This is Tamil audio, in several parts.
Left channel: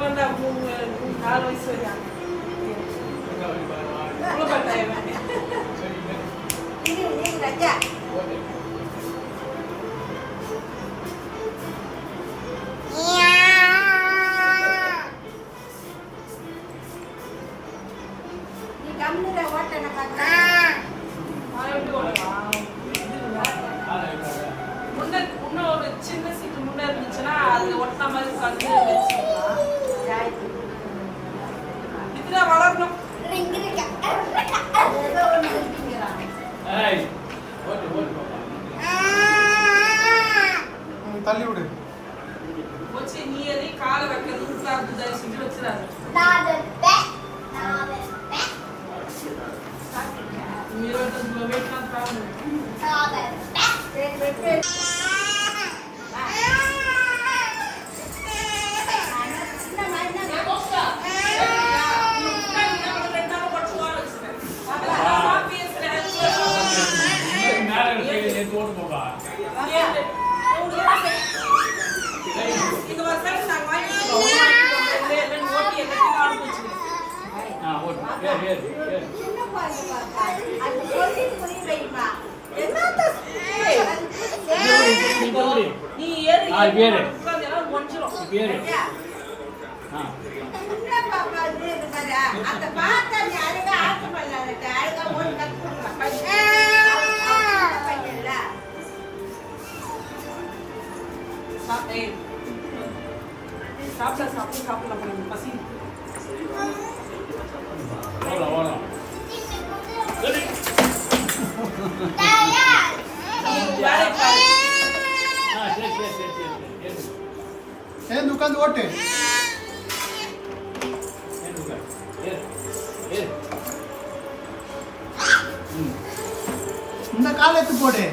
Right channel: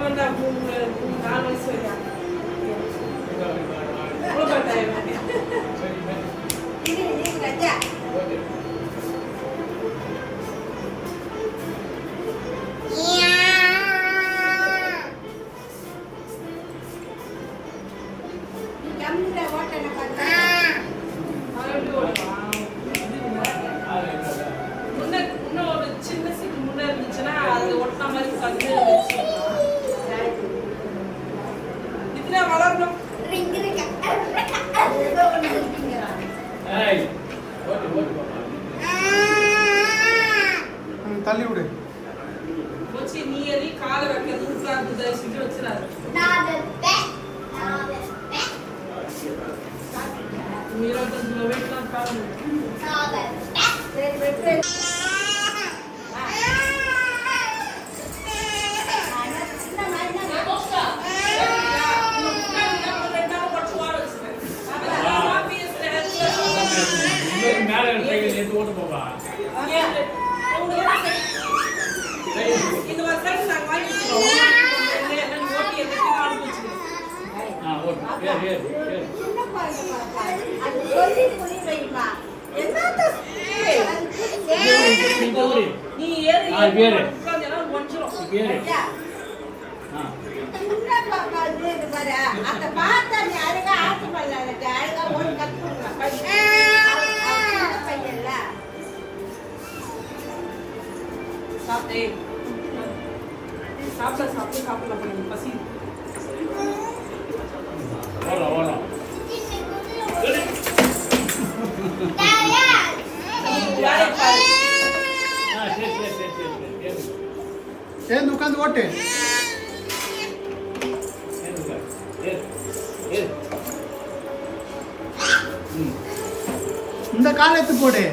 வந்தா 4 வயசு வரையா இது ராஜா சின்ன சீட்டு முன்ன இருந்துச்சுன்னா அது ஒட்டின மாதிரி இதுல வளரணும் நீ ஏறி காலை வைக்கிறது உட்கார்ந்து தரிசிட்டு வச்சிடாரு இந்த வருஷம் நாங்க வாங்கிக்கிறோம் ஓட்டி எல்லாத்தையும் ஆரம்பிச்சிருக்கோம் நீ ஏறு ஒன்றும் அந்த பார்த்தா நீ அழகா ஆட்டு பண்ணல அழகா ஓடி கற்றுல சாப்பிடலாம் பசி உட்காந்து ஓட்டு இந்த காலத்து போடு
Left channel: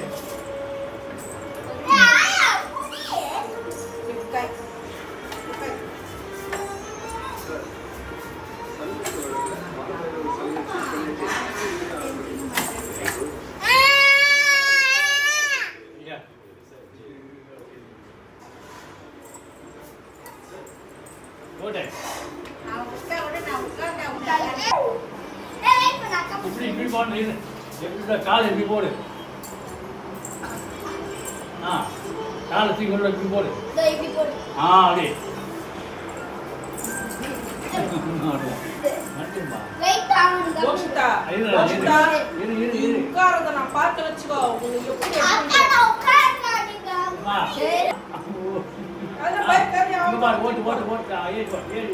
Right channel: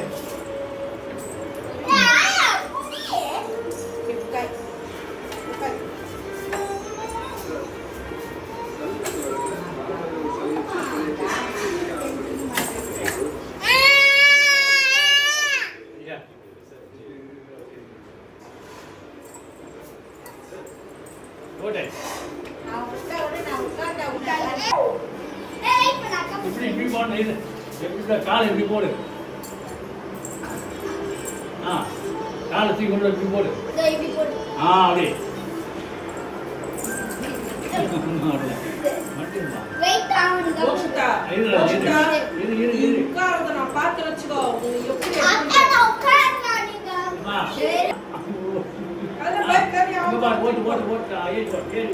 காலை எப்படி போடு காலை தூக்கி கொண்டு எப்படி போடு அப்படியே நான் பார்த்து வச்சுக்கோ போட்டு போட்டு போட்டு ஏறி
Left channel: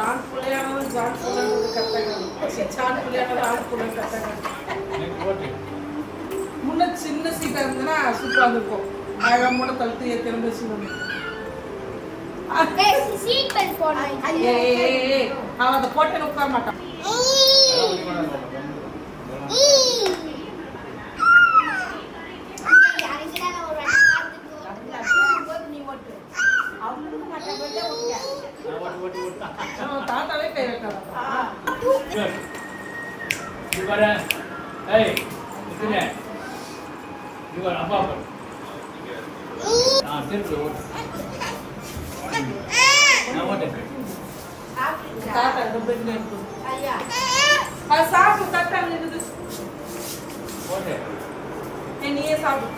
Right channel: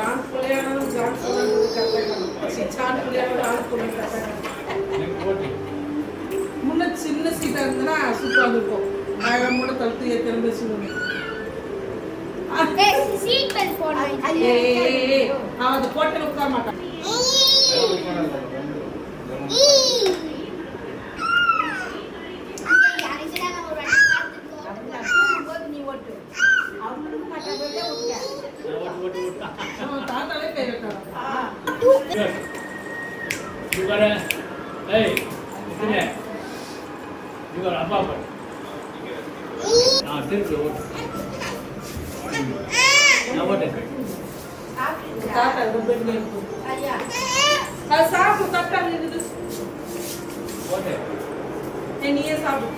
ஆண் பிள்ளையானாலும் ஜான் பிள்ளையானது கட்டாங்க சான் பிள்ளையானாலும் ஆண் பிள்ளை கட்டாங்க முன்ன சின்ன சீட்டா இருந்ததுன்னா சூப்பராக இருக்கும் அழகாமோட கழுத்து திறந்து சொல்லுவேன் அவன் அதை போட்டு உட்கார மாட்டான் தாத்தாலே கை திருப்பி ஓட்டு தாத்தா ரொம்ப அது சாப்பிட்டு தட்டா இருக்குது நீயே சாப்பிட்டு